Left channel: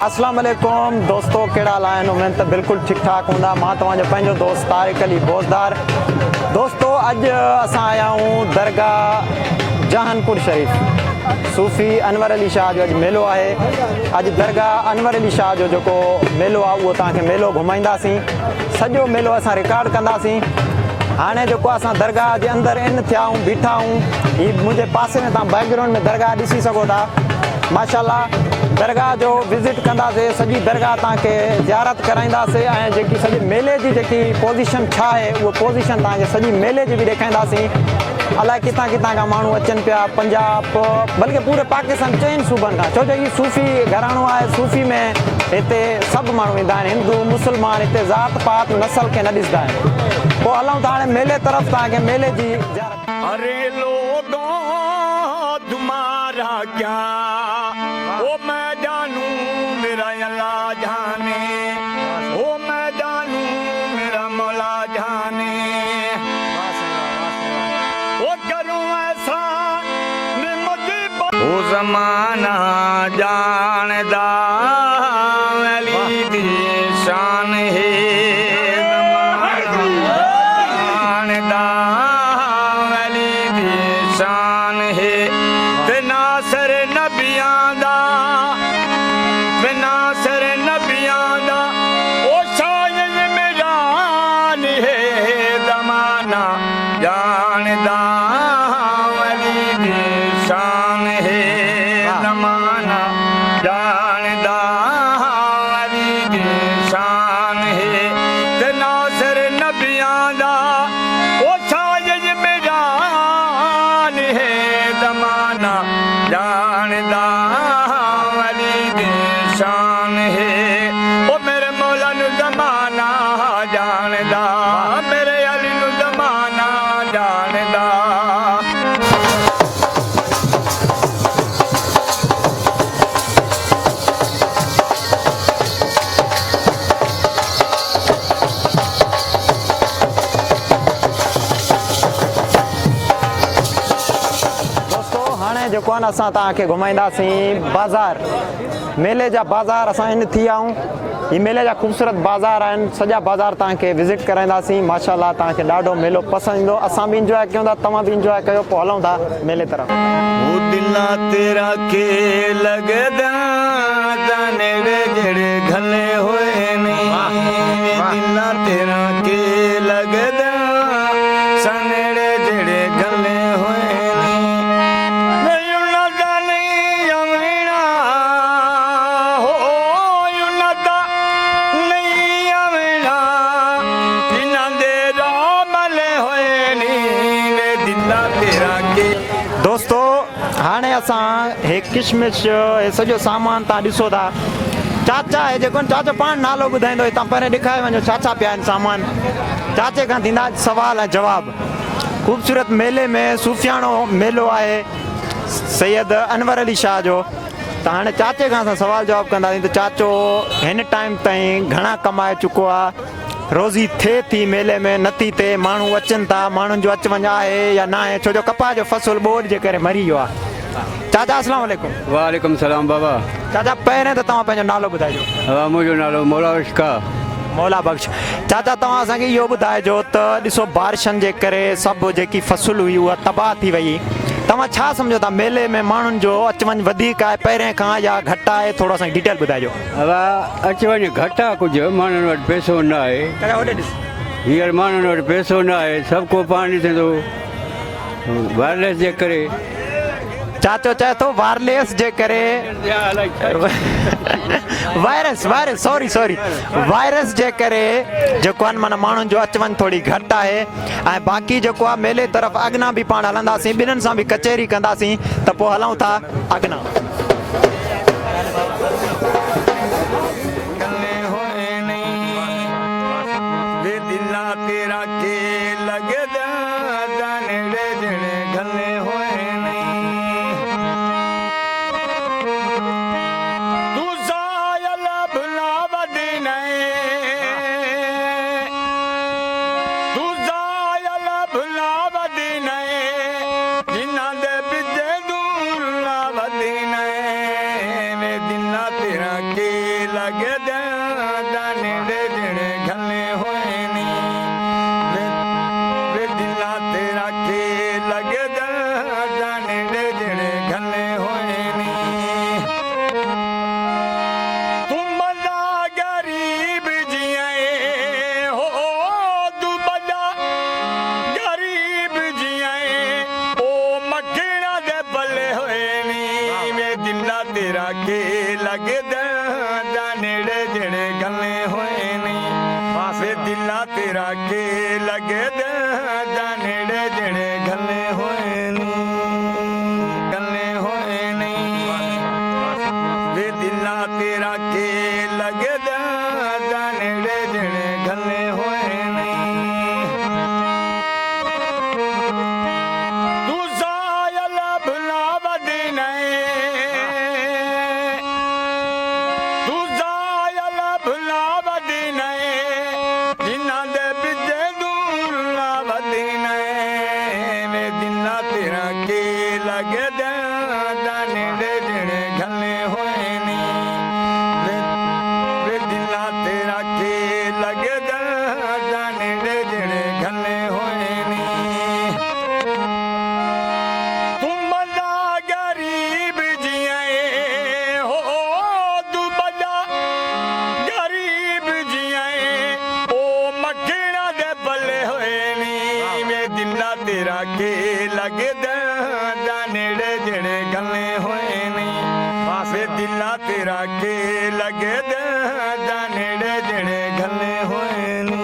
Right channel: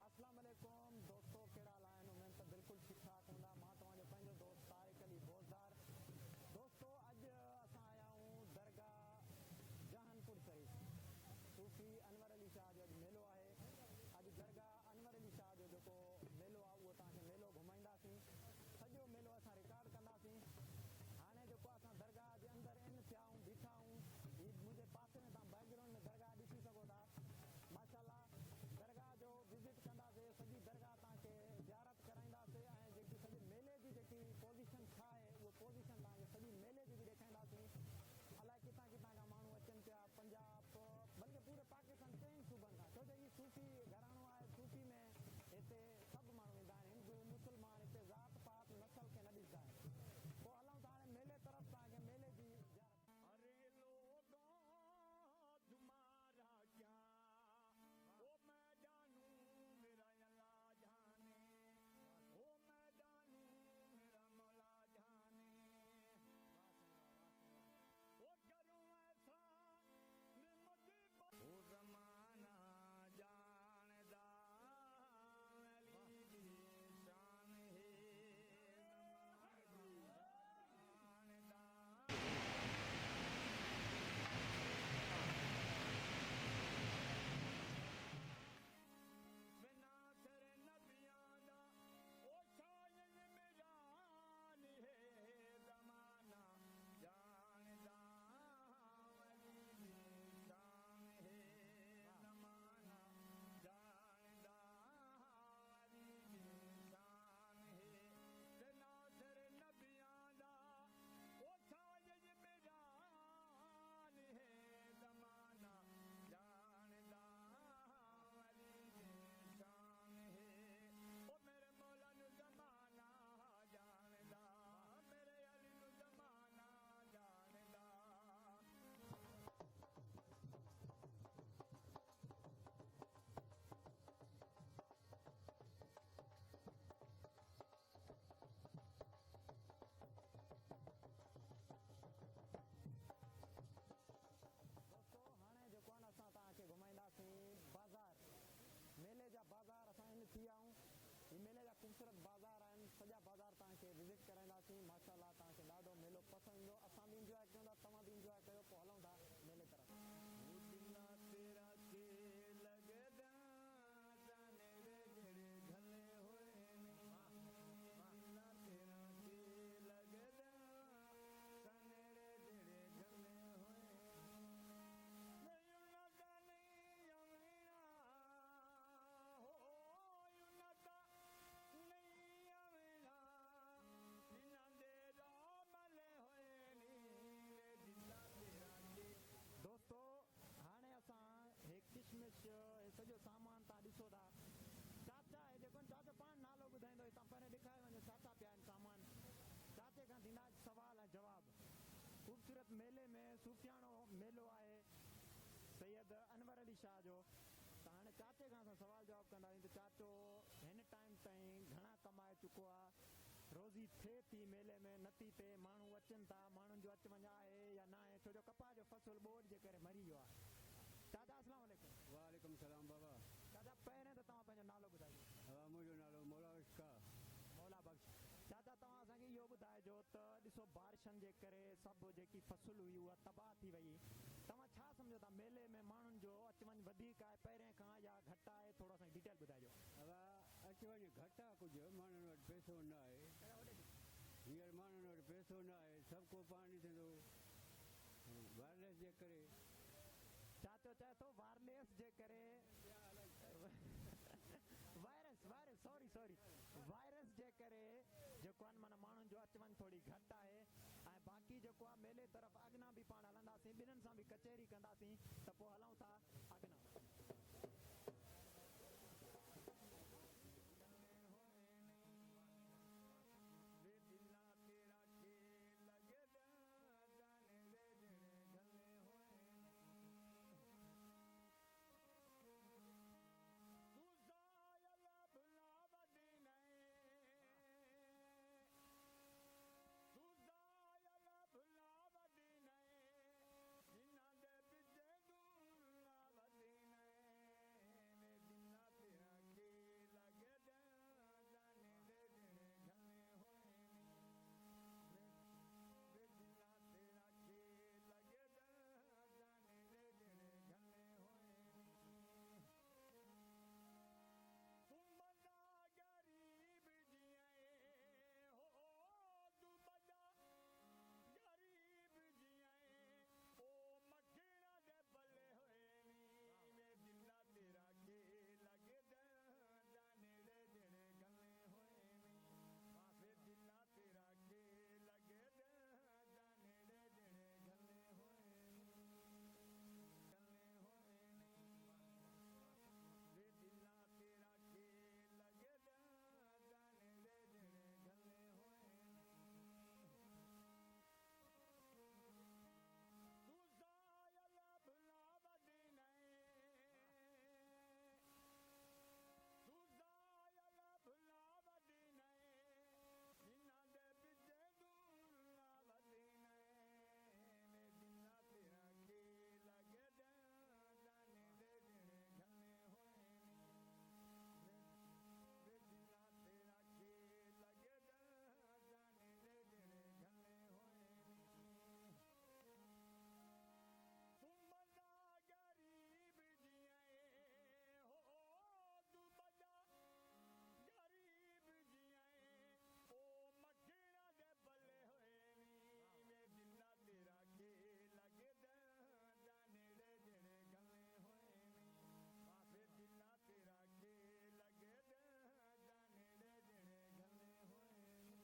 अस्सलाम वालेकुम दोस्तों, कहिड़ा हाल आहिनि? उमेद त बिल्कुलु ठीकु ठाक हूंदा। मां तव्हांजो पंहिंजो दोस्त तारिक अली बोज़दार। दोस्तों, अॼु असां आया आहियूं दरगाह जहानपुर शरीफ़। सूफ़ी अनवर अली शाह जो अॼु मेलो आहे। अॼु दरगाह अनवर अली शाह जो जेको मेलो आहे उहो तव्हांखे मेलो घुमाईंदासीं। सॼो मेलो असां रिकॉर्ड कंदासीं। हाणे जेको असां दरगाह जे अंदरि इन थिया आहियूं, बीठा आहियूं। हीअ मुंहिंजे पासे में तव्हां बैकग्राउंड में दरगाह ॾिसी सघो था। माशाल्लाह दरगाह जो विज़िट कंदासीं, सॼी दरगाह तव्हांखे ज़ियारत कराईंदासीं ऐं जेकी सॼे मेले जी जेकी पोज़ीशन छा आहे उहा पोज़ीशन तव्हांखे सॼी मेले जी बि ॾेखारींदासीं। अलाए किथां किथां खां माण्हू अचनि पिया, पंजाब बल्कि पूरे पाकिस्तान चइनि सूबनि खां, छो जो हीअ सूफ़ी घराणो आहे। सूफ़ी में हिते सभु माण्हू ईंदा आहिनि, हिंदू मुस्लमान, हिते ज़ात पात नस्ल खे न ॾिसंदा आहिनि। पोइ हलूं था हाणे मेले तरफ़, तव्हांखे मेले जी अरे लोगों तुम्हारा क्या ओ मैं जानू मेरा अल्लाह जाने, ओ मैं जानू मेरा मौला जाने। ओ करूं ऐसा मुझे ओ ज़माना जानदा अली दी शान है। जेको आहे न असां तव्हांखे घुमाईंदासीं बाज़ार, मेले जा बाज़ार असां इन थी विया आहियूं। हीअ मेले जा ख़ूबसूरत बाज़ार आहिनि, सॼा बाज़ार तव्हांखे विज़िट कराईंदासीं। माशाल्लाह तव्हांखे ॾाढो मेलो पसंदि ईंदो। असां बि इंजॉय कयूं था, तव्हां बि इंजॉय कयो। पोइ हलूं था मेले तरफ़। दिला तेरा के लगदा तनेड़े जड़े घले होए नहीं, दिला तेरा के लगदा सनेड़े जड़े घले होए दोस्तों, हाणे असां हे किशमिश हे सॼो सामान तव्हां ॾिसो था। चाचा हे जेको चाचा पाण नालो ॿुधाईंदो, तव्हां पहिरें ॾेखारे वञो छा छा पिया आहिनि सामान। चाचे खां थींदा सवाल ऐं जवाब। ख़ूबसूरत मेले में सूफ़ियाणो मेलो आहे सैयद अनवर अली शाह जो। त हाणे चाचे खां असां सवाल जवाब कंदासीं त चाचो हिन टाइम ताईं घणा कमाए चुको आहे? रोज़ी थिए थी मेले में, नथी थिए? माण्हू अचनि था, माण्हुनि जो अच वञ आहे या न आहे? छो जो कपास जो फसल ॿोॾि जे करे मरी वियो आहे। चाचा अस्सलाम वालेकुम। वालेकुम सलाम बाबा। चाचा पहिरें त तव्हां पंहिंजो नालो ॿुधाइजो। मुंहिंजो नालो मौला बख्श का। मौला बख्श। चाचा तव्हां असांखे इहो ॿुधाइजो त ॾिसो बारिशनि जे करे सभु जेकी फसल हुई उहा तबाह थी वई। तव्हां छा सम्झो था मेले में माण्हुनि जो अच वञ वधीक आहे पहिरें खां या घटि आहे? थोरो असांखे डिटेल ॿुधाइजो। अच वञ घटि आहे, कुझु माण्हुनि वटि पैसो न आहे। हींअर माण्हुनि वटि पैसो न आहे, सभु को पाण ॾिसे थो वायरलेस जे करे। चाचो चए थो वायरलेस जे करे वायरस जे करे जेको आहे माना माण्हुनि जो अच वञ थोरी घटि आहे। ऐं बाक़ी जेको आहे मेले तरफ़ अॻिना बि पाण हलंदासीं, ॿिन्हिनि सां बि कचहरी कंदासीं। त पोइ हलूं था अॻिना। जिन्ना दे पिछे दूर ला वदी ने लगे नेड़े जेड़े घने होए नी वे दिला तेरा के लगे नेड़े जेड़े घने होए नी तुम बड़ा गरीब जिया हो तू बड़ा गरीब जिया ओ मखना दे बल्ले होए नी वे दिला तेरा के लगे नेड़े जेड़े गले होए नी वे दिला तेरा के लगे नेड़े जेड़े गले होए नी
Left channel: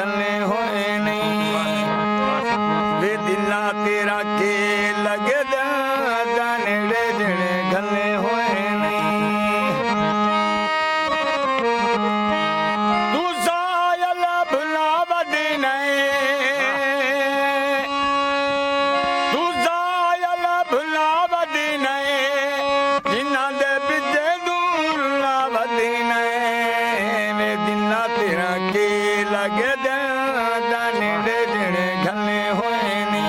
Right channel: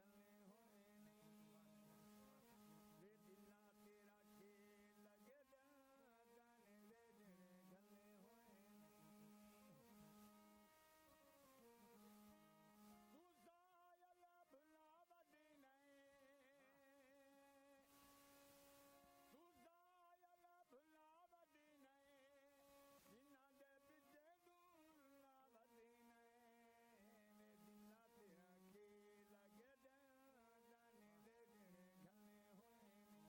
गले होए नी वे दिला तेरा के लगे नेड़े जेड़े गले होए नी तू सायल भुला बदीने तू सायल भुला बदीने जिन्ना दे बिजे दूर ला बदीने वे दिना तेरा के लगे नेड़े जेड़े घने होए नी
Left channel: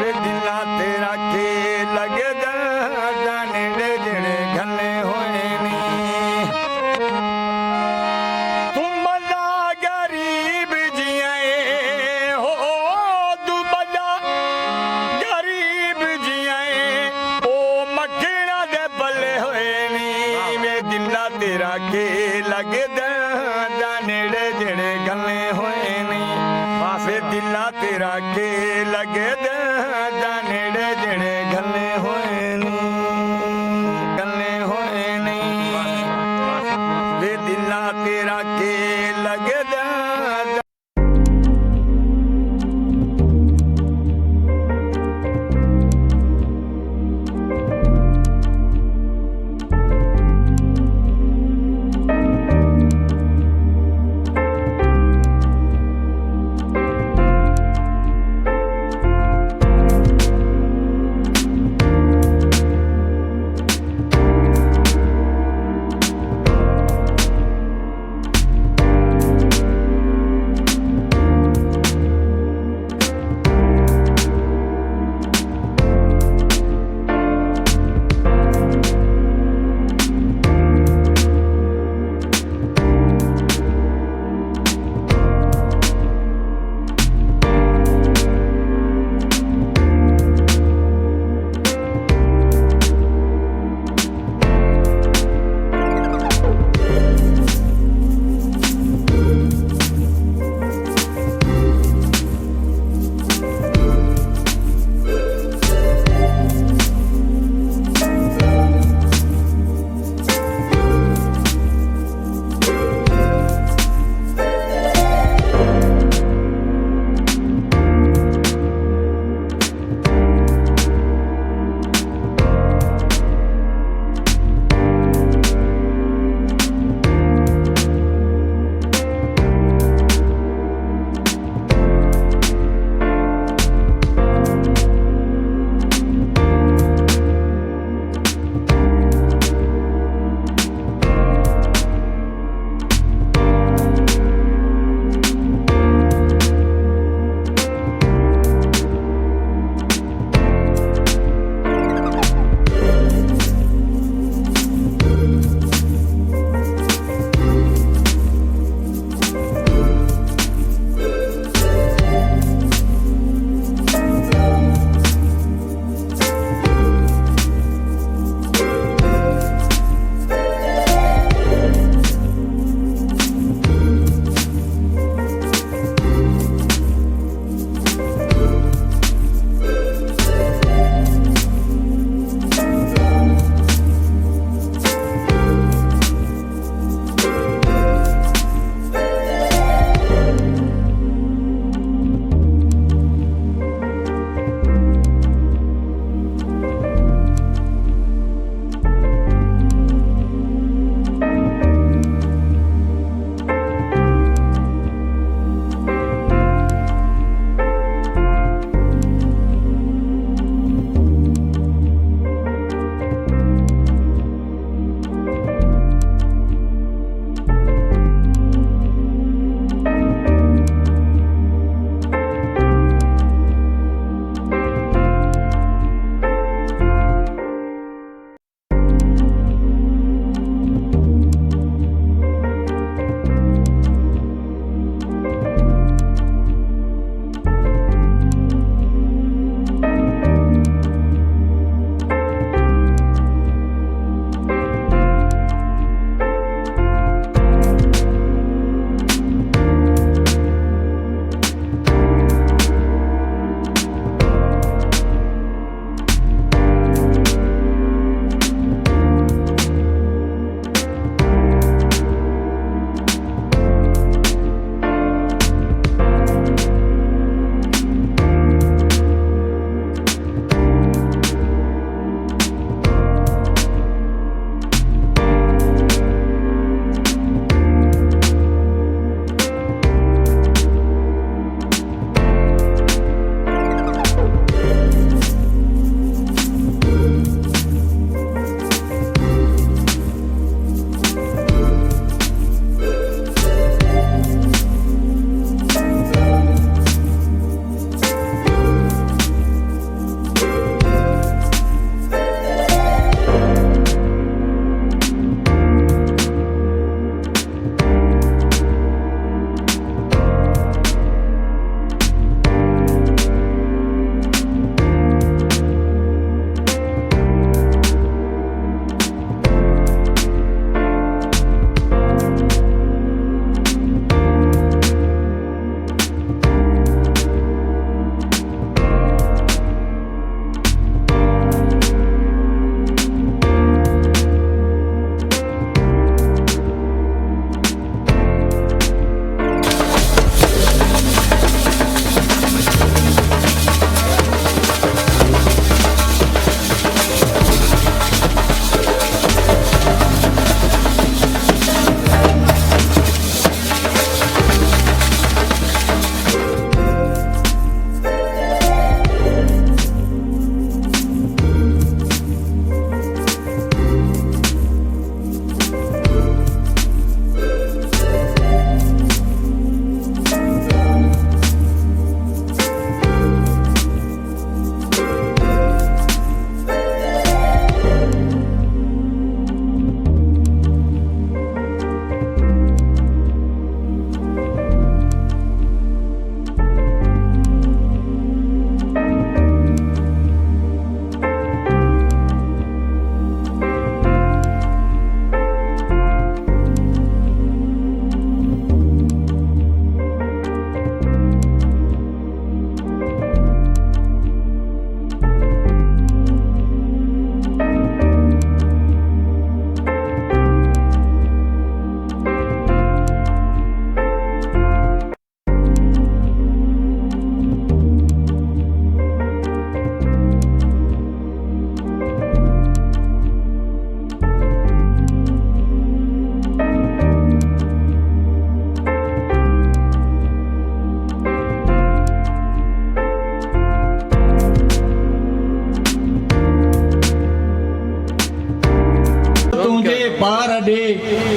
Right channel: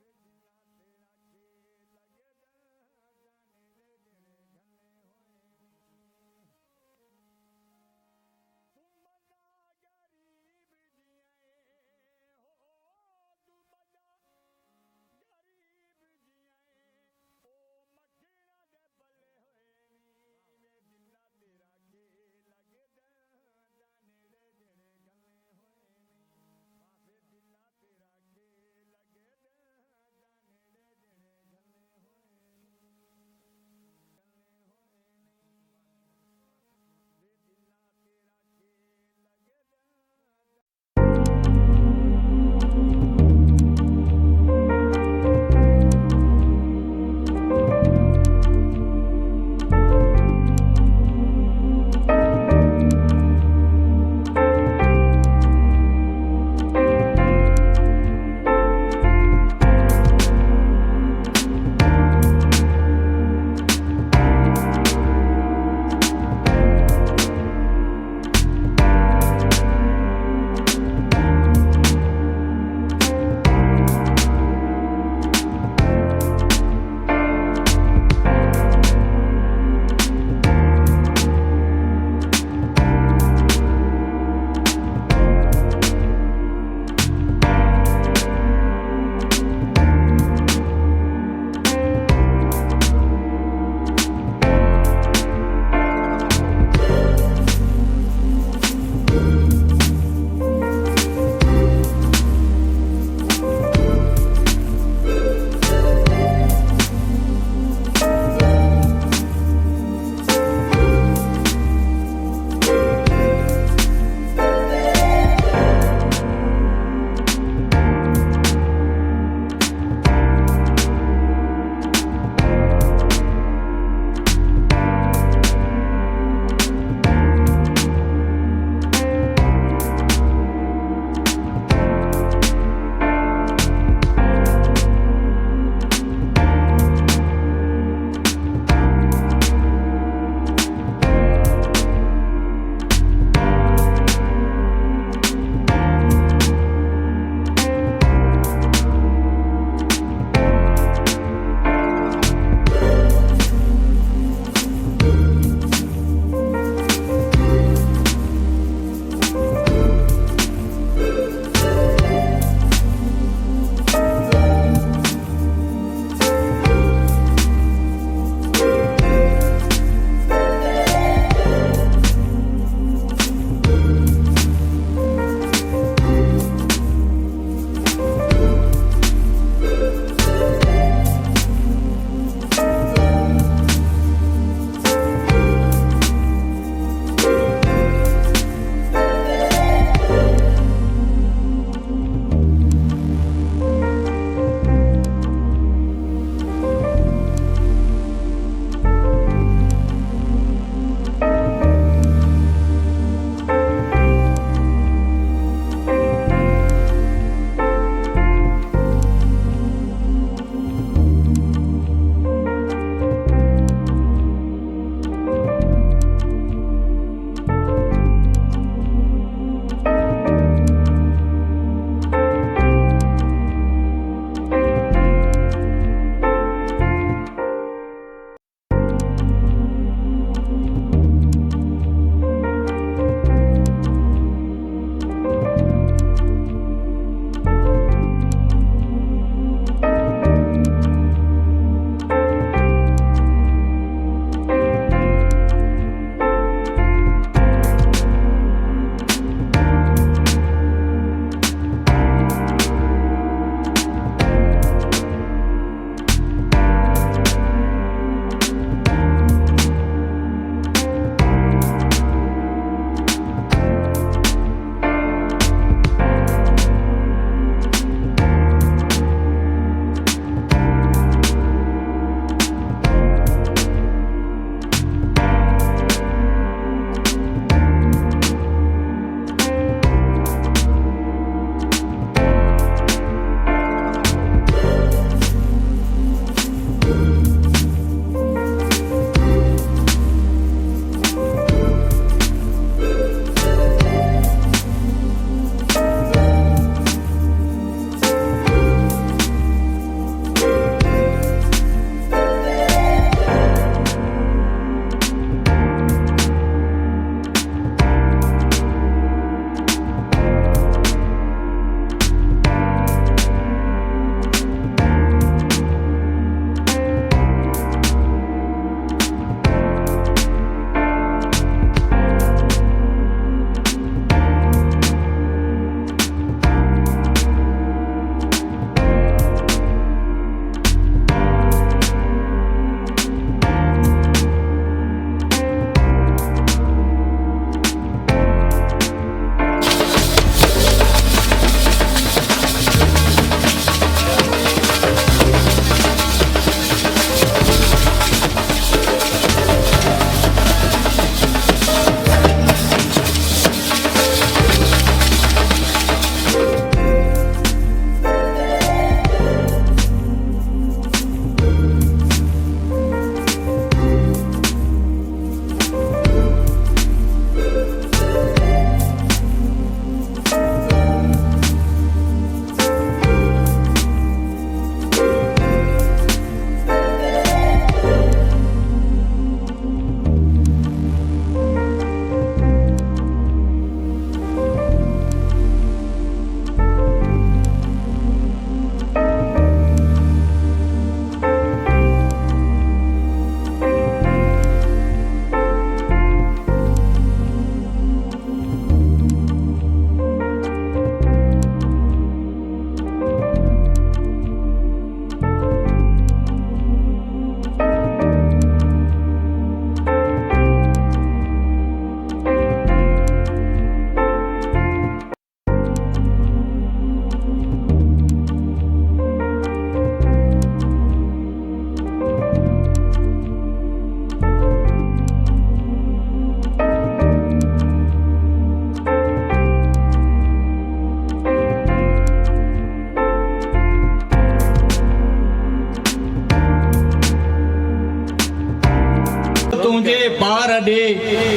वे दिला तेरा के लगे नेड़े जेड़े घने होए नी तुम बड़ा गरीब जिया हो तू बड़ा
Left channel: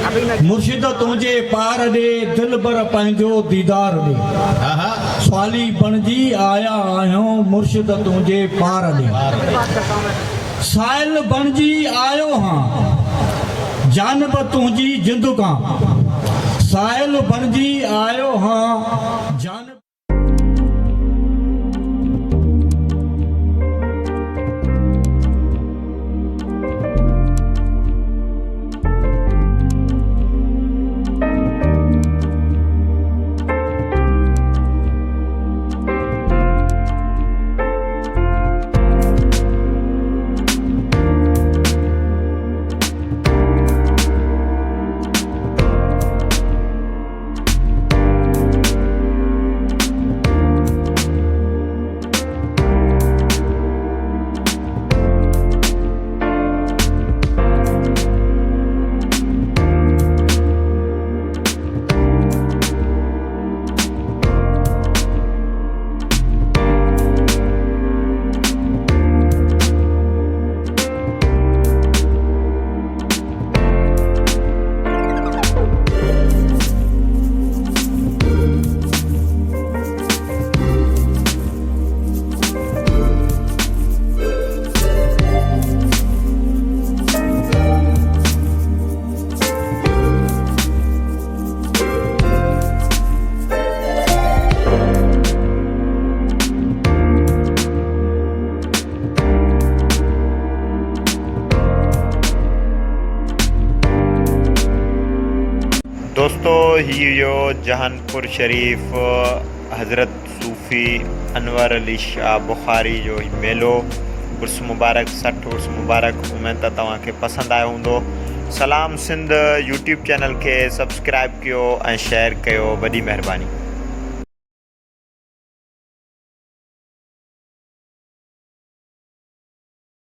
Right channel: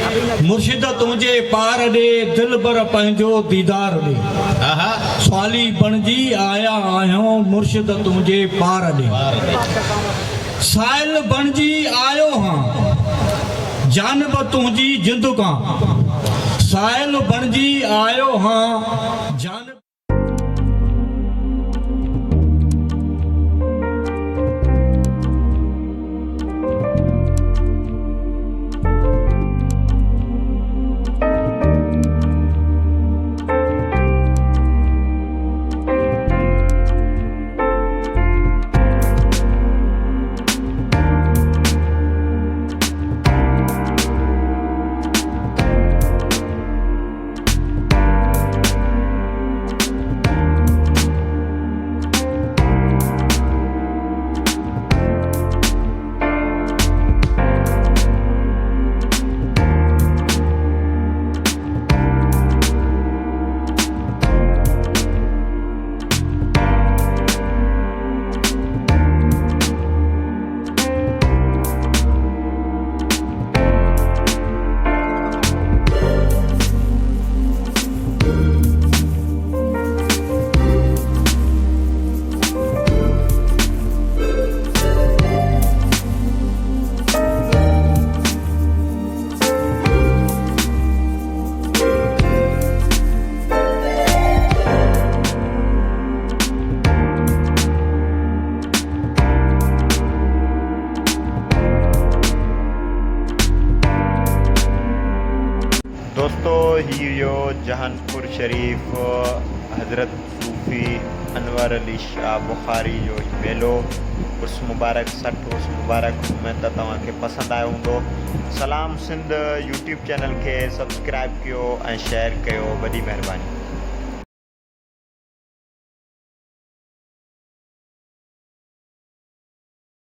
मुर्शिद तुंहिंजे पार ॾे दिल भर पंहिंजो दीदार ॾे स्वाली बणजी आया आहियूं मुर्शिद तुंहिंजे पार ॾे साहिल बणजी आयो हां जानब तुंहिंजी जिंदगा साहिल बणजी आयो हां जानब दोस्तों हीरो जहानपुर शरीफ हज़रत सूफ़ी अनवर अली शाह बुखारी जो मेलो उर्स मुबारक 60 उर्स मुबारक उम्मीद त तव्हांखे पसंदि आयो हूंदो। सलाम सिंध यूट्यूब चैनल के सब्सक्राइब कयो ऐं शेयर कयो, वॾी महिरबानी।